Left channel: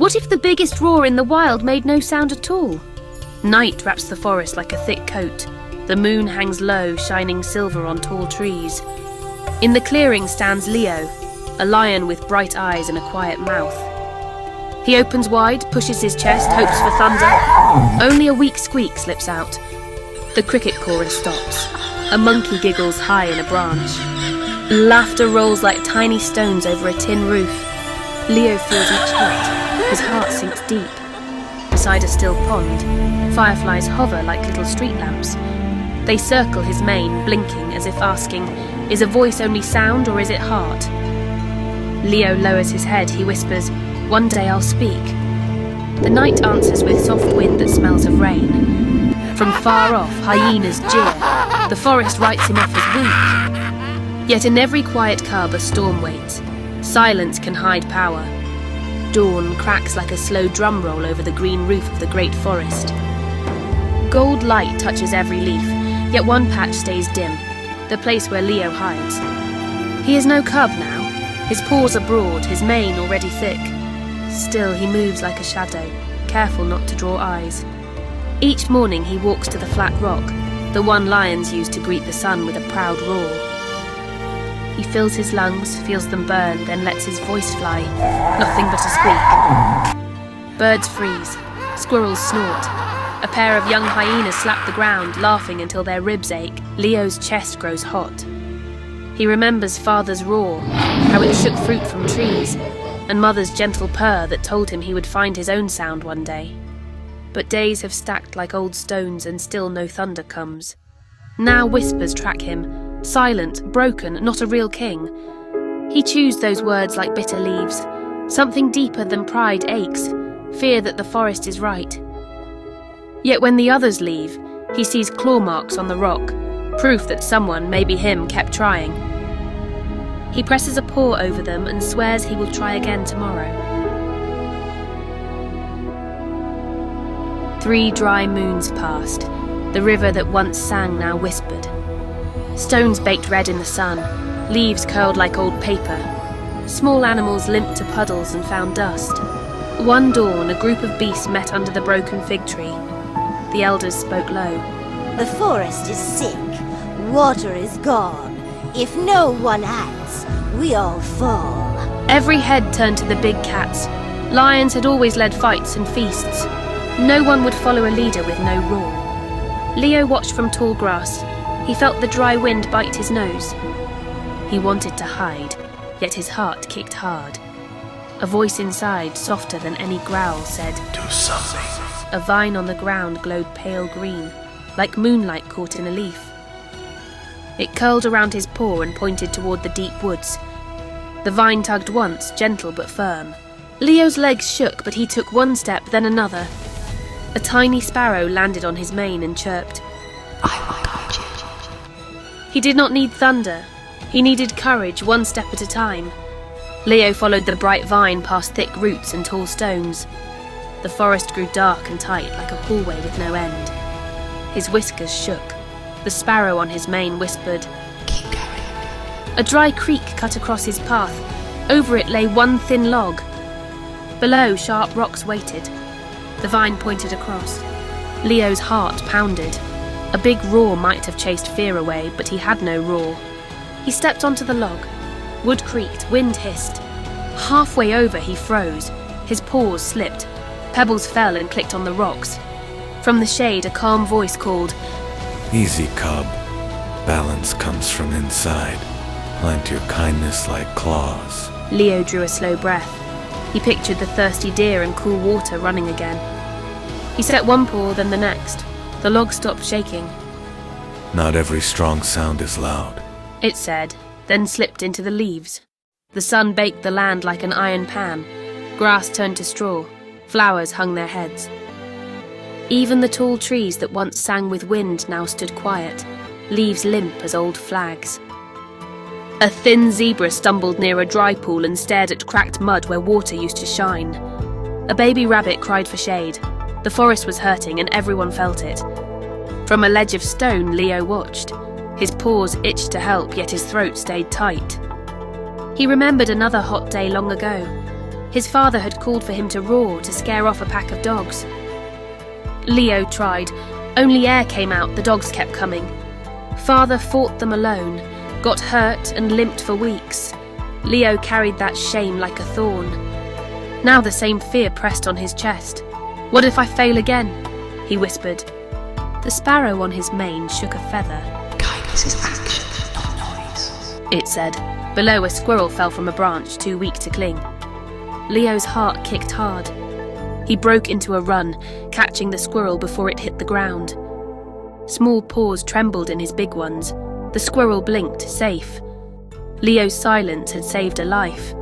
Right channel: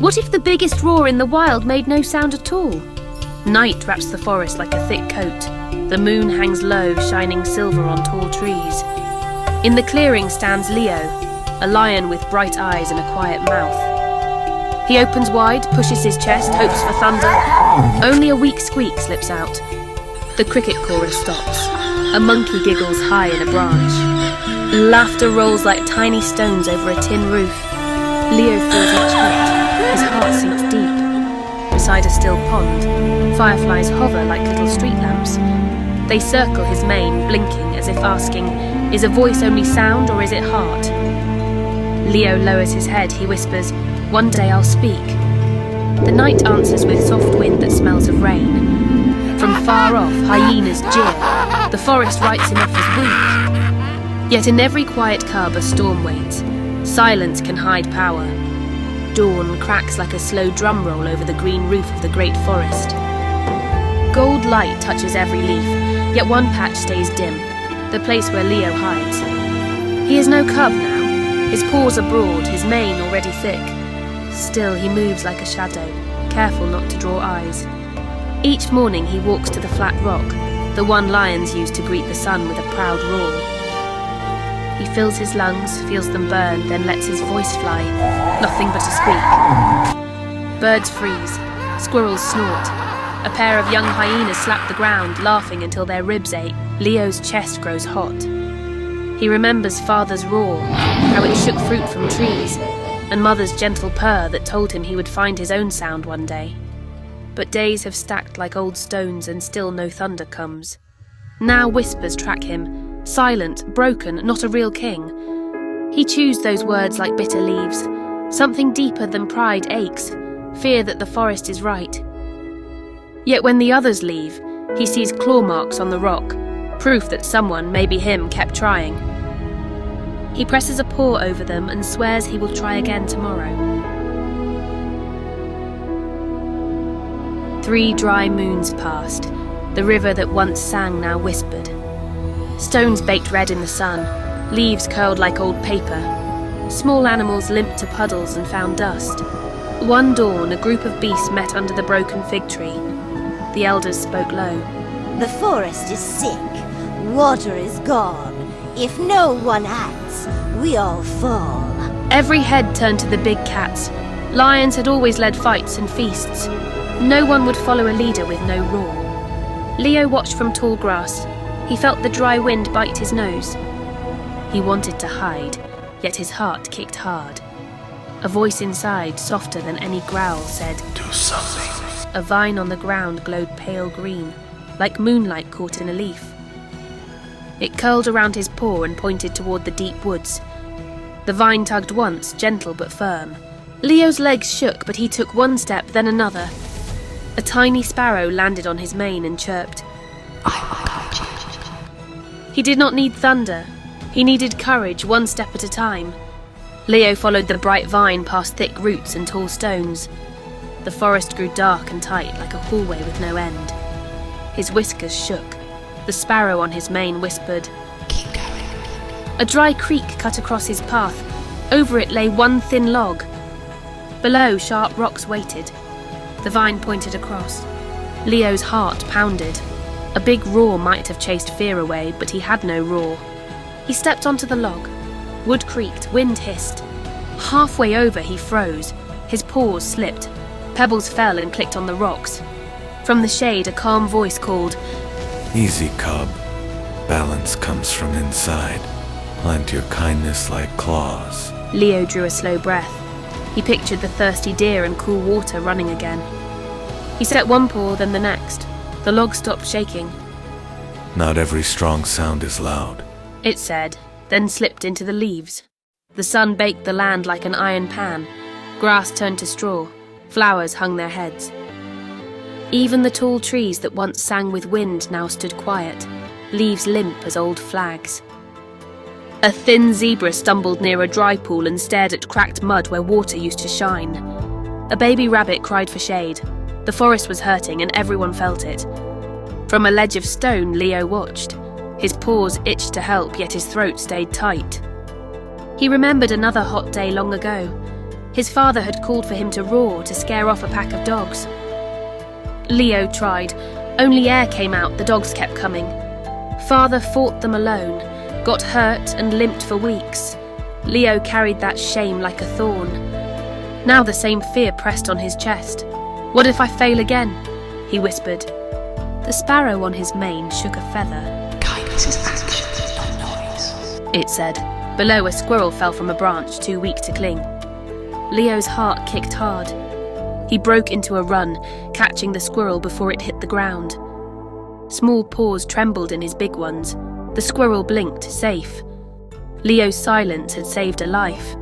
What if the biggest roar in the wild made no sound at all? Night wraps the forest like a thick coat. The moon hangs low, shining silver on tall trees. In the clearing stands Leo, a lion with bright eyes and a quiet mouth. He opens wide, pushes his chest, hopes for thunder. Only a weak squeak slips out. The cricket chorus stops. A monkey giggles high in a branch. Laughter rolls like tiny stones over a tin roof. Leo feels much hurt. His heart sinks deep. Beside a still pond, fireflies hover like little street lamps. They circle his mane, blinking as if asking, is a voice only sound or is it heart? Leo lowers his head, he whispers, one day I'll speak. The night answers with soft wind that smells of rain. From far off, hyenas jeer. The forest writes him off as weak. Yet in every quiet cub a storm waits. Silence can hide power. Dawn cracks like a slow drum roll over the green roof of the great forest. Gold light touches every leaf, yet one patch stays dim, the place where Leo hides. He is no cub now. His paws are broad, his mane already thick. Still he moves like a shadow, careful not to draw eyes. Each morning he walks to the flat rock, the one lions use to greet the sun with a proud roar. He fills his lungs, feels them burn, then lets his voice fly, nothing but to speak. Birds freeze, squirrels snort. A pair of young hyenas slap the ground, laughing until their ribs ache. Leo's chest grows hot. He remembers father's roar, how it shook fruit from trees, and mother's gentle purr that told him he would find his own sound one day. But days have stacked like old stones and still no thunder comes. Now whispers track him, silent, broken, not a real king. He chews those words like bitter leaves. Something deeper than pride aches, fear that the forest is right. Yet when the others leave, he sees claw marks on the rock, proof that someone, maybe him, kept trying. He presses a paw over them and swears he will try again tomorrow. 3 dry moons passed. The river that once sang now whispered. Stones baked red in the sun, leaves curled like old paper. Small animals limped to puddles and found dust. One dawn, a group of beasts met under the broken fig tree. The elders spoke low. The forest is sick. Water is gone. If no one acts, we all fall. Every head turned to the big cats. Lions had always led fights and feasts. No one would follow a leader with no roar. Leo watched from tall grass. He felt the dry wind bite his nose. He wanted to hide, yet his heart kicked hard. A voice inside, softer than any growl, said, "Do something." A vine on the ground glowed pale green, like moonlight caught in a leaf. It curled around his paw and pointed toward the deep woods. The vine tugged once, gentle but firm. Leo's legs shook, but he took one step, then another. A tiny sparrow landed on his mane and chirped. "I will guide you." He did not need thunder. He needed courage, one step at a time. Leo followed the bright vine past thick roots and tall stones. The forest grew dark and tight like a hallway with no end. His whiskers shook. The sparrow on his mane whispered, "Keep going." A dry creek cut across his path. Over it lay one thin log. Below, sharp rocks waited. The vine pointed across. Leo's heart pounded. A big roar might have chased fear away, but he had no roar. He stepped onto the log. Wood creaked, wind hissed. Halfway over, he froze. His paws slipped. Pebbles fell and clicked on the rocks. From the shade, a calm voice called, "Easy, cub. Balance comes from inside. Plant your kindness like claws." Leo drew a slow breath. He pictured the thirsty deer and cool water running again. He set one paw, then the next. The log stopped shaking. "Not every strong sound is loud," It said, then slipped into the leaves. The sun baked the land like an iron pan. Grass turned to straw. Flowers hung their heads. Even the tall trees that once sang with wind now stood quiet, leaves limp as old flags. A thin zebra stumbled near a dry pool and stared at cracked mud where water used to shine. A baby rabbit cried for shade. The forest was hurting and everyone felt it. From a ledge of stone, Leo watched. His paws itched to help, yet his throat stayed tight. He remembered another hot day long ago. His father had called for him to roar to scare off a pack of dogs. Leo tried. Only air came out, the dogs kept coming. Father fought them alone, got hurt and limped for weeks. Leo carried that shame like a thorn. Now the same fear pressed on his chest. What if I fail again? He whispered. The sparrow on his mane shook a feather. Kindness is action, not noise, it said. Below, a squirrel fell from a branch, too weak to cling. Leo's heart kicked hard. He broke into a run, catching the squirrel before it hit the ground. Small paws trembled in his big ones. The squirrel blinked, safe. Leo's silence had saved a life.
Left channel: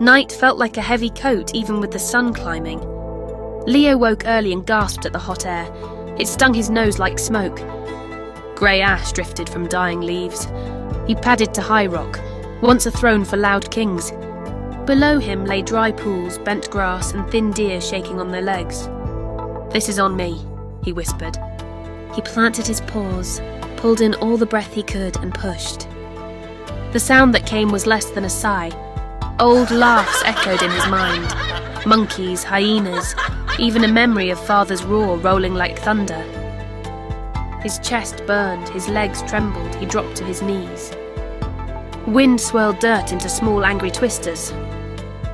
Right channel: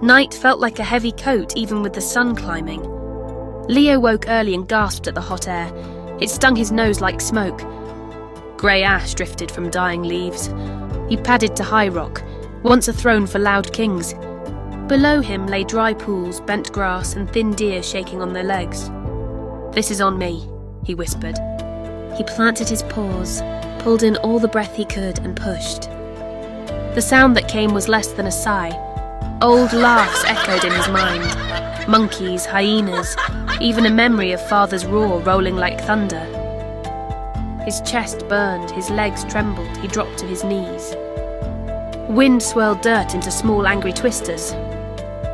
Night felt like a heavy coat, even with the sun climbing. Leo woke early and gasped at the hot air. It stung his nose like smoke. Grey ash drifted from dying leaves. He padded to High Rock, once a throne for loud kings. Below him lay dry pools, bent grass, and thin deer shaking on their legs. This is on me, he whispered. He planted his paws, pulled in all the breath he could, and pushed. The sound that came was less than a sigh. Old laughs echoed in his mind. Monkeys, hyenas, even a memory of father's roar rolling like thunder. His chest burned, his legs trembled, he dropped to his knees. Wind swirled dirt into small angry twisters.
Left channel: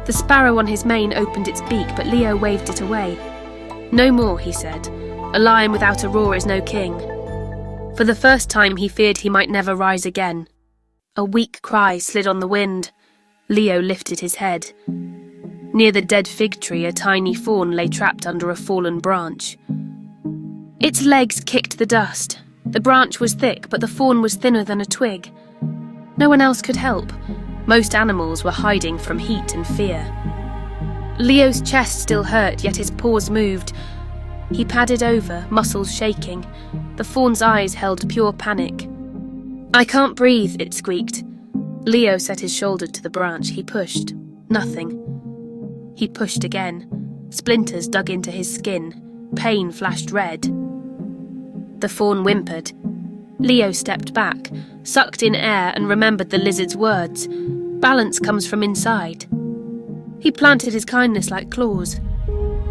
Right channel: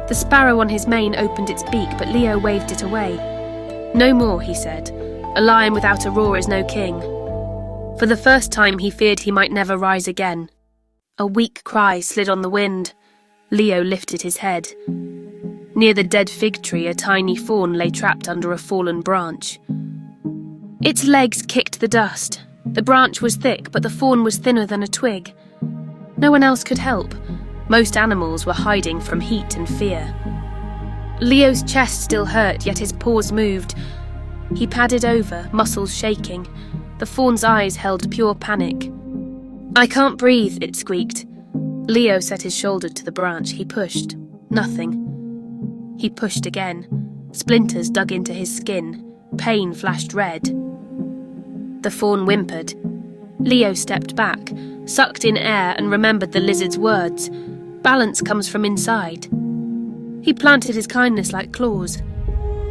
The sparrow on his mane opened its beak, but Leo waved it away. No more, he said. A lion without a roar is no king. For the first time he feared he might never rise again. A weak cry slid on the wind. Leo lifted his head. Near the dead fig tree, a tiny fawn lay trapped under a fallen branch. Its legs kicked the dust. The branch was thick, but the fawn was thinner than a twig. No one else could help. Most animals were hiding from heat and fear. Leo's chest still hurt, yet his paws moved. He padded over, muscles shaking. The fawn's eyes held pure panic. I can't breathe, it squeaked. Leo set his shoulder to the branch. He pushed. Nothing. He pushed again. Splinters dug into his skin. Pain flashed red. The fawn whimpered. Leo stepped back, sucked in air, and remembered the lizard's words. Balance comes from inside. He planted his kindness like claws.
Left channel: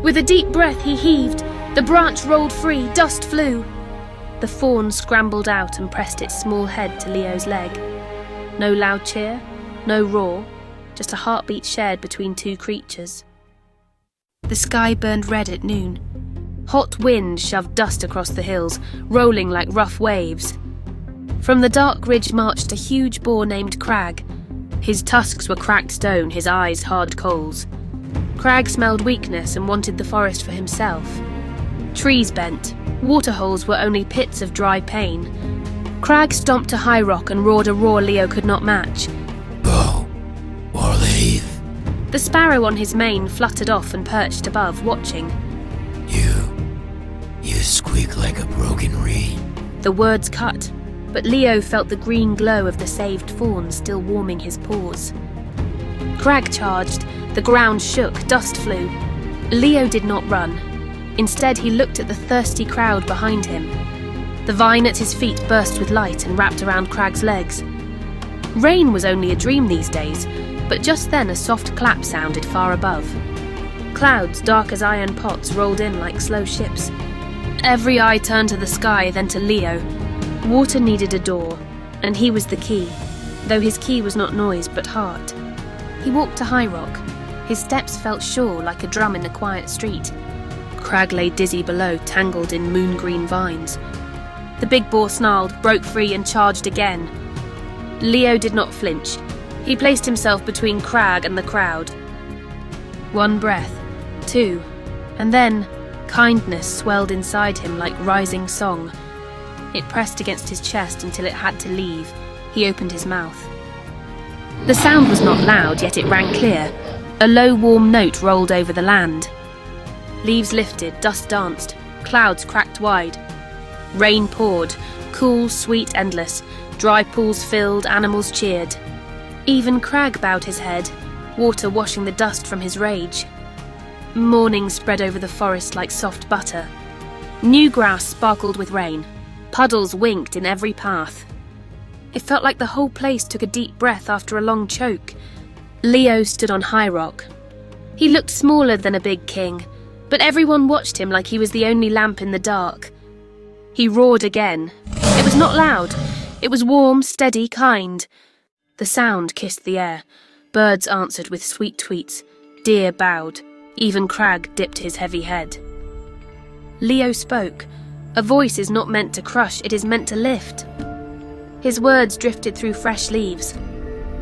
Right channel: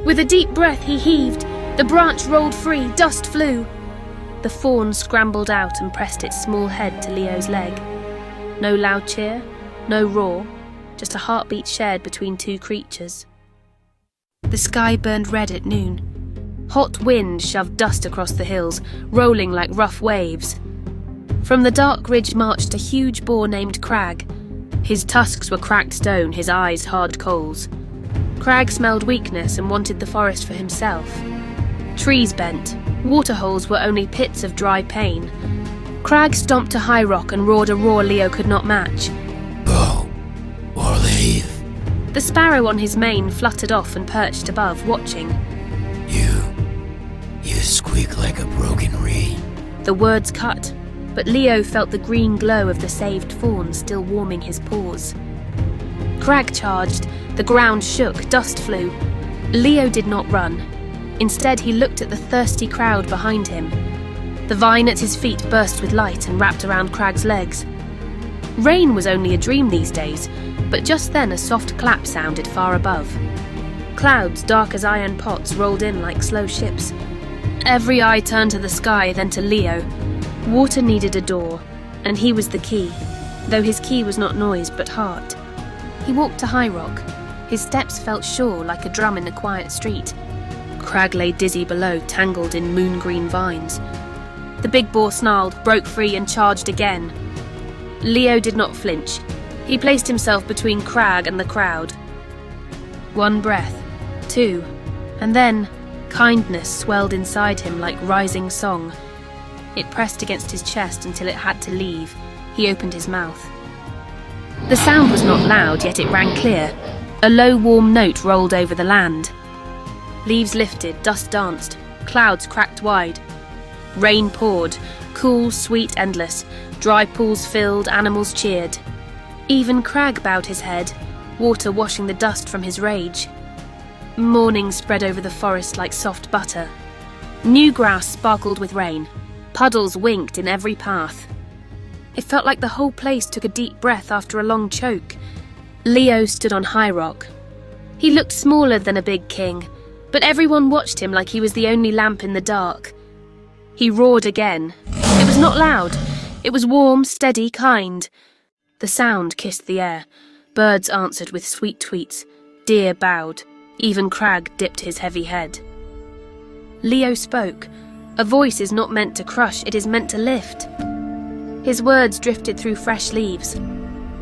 With a deep breath he heaved. The branch rolled free, dust flew. The fawn scrambled out and pressed its small head to Leo's leg. No loud cheer, no roar, just a heartbeat shared between two creatures. The sky burned red at noon. Hot wind shoved dust across the hills, rolling like rough waves. From the dark ridge marched a huge boar named Crag. His tusks were cracked stone, his eyes hard coals. Crag smelled weakness and wanted the forest for himself. Trees bent. Waterholes were only pits of dry pain. Crag stomped to High Rock and roared a roar Leo could not match. Go, or leave. The sparrow on his mane fluttered off and perched above, watching. You squeak like a broken reed. The words cut, but Leo felt the green glow of the saved fawn still warming his paws. Crag charged, the ground shook, dust flew. Leo did not run. Instead, he looked at the thirsty crowd behind him. The vine at his feet burst with light and wrapped around Crag's legs. Rain was only a dream these days, but just then a soft clap sounded far above. Clouds, dark as iron pots, rolled in like slow ships. Every eye turned to the sky, then to Leo. Water needed a door, and he was the key, though his key was not noise but heart. He walked to High Rock. His steps felt sure, like a drum in a quiet street. Crag lay dizzy below, tangled in moon-green vines. The big boar snarled, broke free, and charged again. Leo did not flinch. He placed himself between Crag and the crowd. One breath, two, and then kindness swelled inside him like rising song. It pressed against his chest until it had to leave. He opened his mouth. The sound was not loud, yet it rang clear. A low, warm note rolled over the land. Leaves lifted, dust danced, clouds cracked wide. Rain poured, cool, sweet, endless. Dry pools filled, animals cheered. Even Crag bowed his head, water washing the dust from his rage. Morning spread over the forest like soft butter. New grass sparkled with rain. Puddles winked in every path. It felt like the whole place took a deep breath after a long choke. Leo stood on High Rock. He looked smaller than a big king, but everyone watched him like he was the only lamp in the dark. He roared again. It was not loud. It was warm, steady, kind. The sound kissed the air. Birds answered with sweet tweets. Deer bowed. Even Crag dipped his heavy head. Leo spoke. A voice is not meant to crush, it is meant to lift. His words drifted through fresh leaves.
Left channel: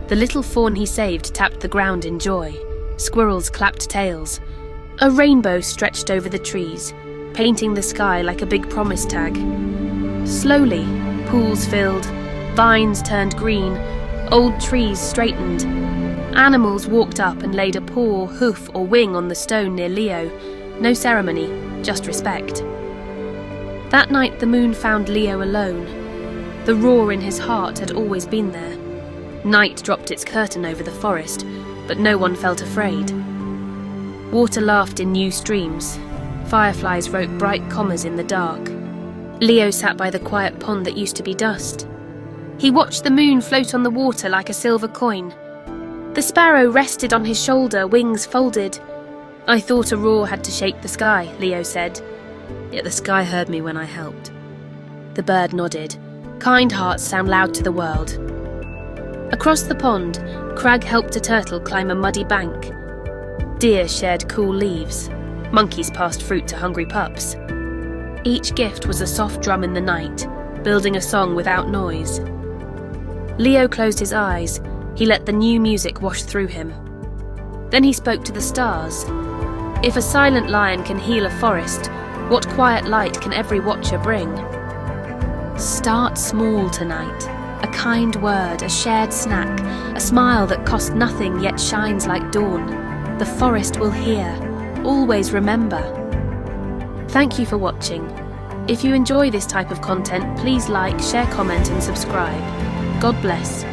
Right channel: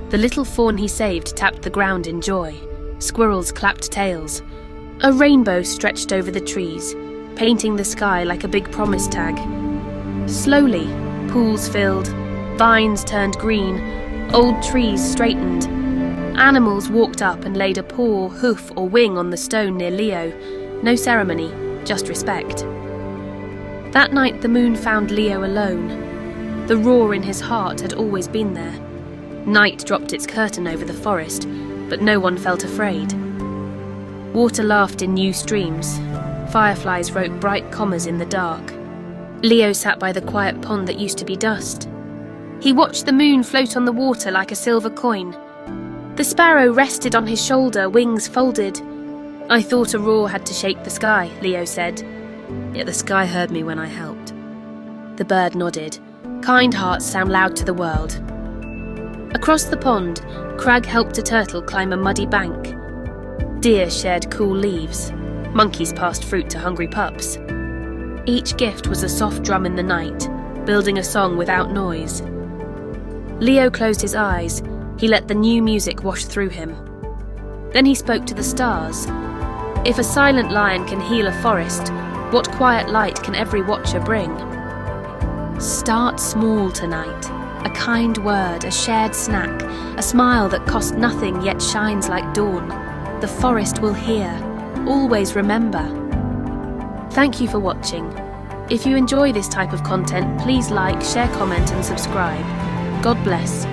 The little fawn he saved tapped the ground in joy. Squirrels clapped tails. A rainbow stretched over the trees, painting the sky like a big promise tag. Slowly, pools filled, vines turned green, old trees straightened. Animals walked up and laid a paw, hoof, or wing on the stone near Leo. No ceremony, just respect. That night the moon found Leo alone. The roar in his heart had always been there. Night dropped its curtain over the forest, but no one felt afraid. Water laughed in new streams. Fireflies wrote bright commas in the dark. Leo sat by the quiet pond that used to be dust. He watched the moon float on the water like a silver coin. The sparrow rested on his shoulder, wings folded. I thought a roar had to shake the sky, Leo said. Yet the sky heard me when I helped. The bird nodded. Kind hearts sound loud to the world. Across the pond, Crag helped a turtle climb a muddy bank. Deer shared cool leaves. Monkeys passed fruit to hungry pups. Each gift was a soft drum in the night, building a song without noise. Leo closed his eyes. He let the new music wash through him. Then he spoke to the stars. If a silent lion can heal a forest, what quiet light can every watcher bring? Start small tonight. A kind word, a shared snack, a smile that costs nothing yet shines like dawn. The forest will hear. Always remember. Thank you for watching. If you enjoy this type of content, please like, share, comment and subscribe. God bless.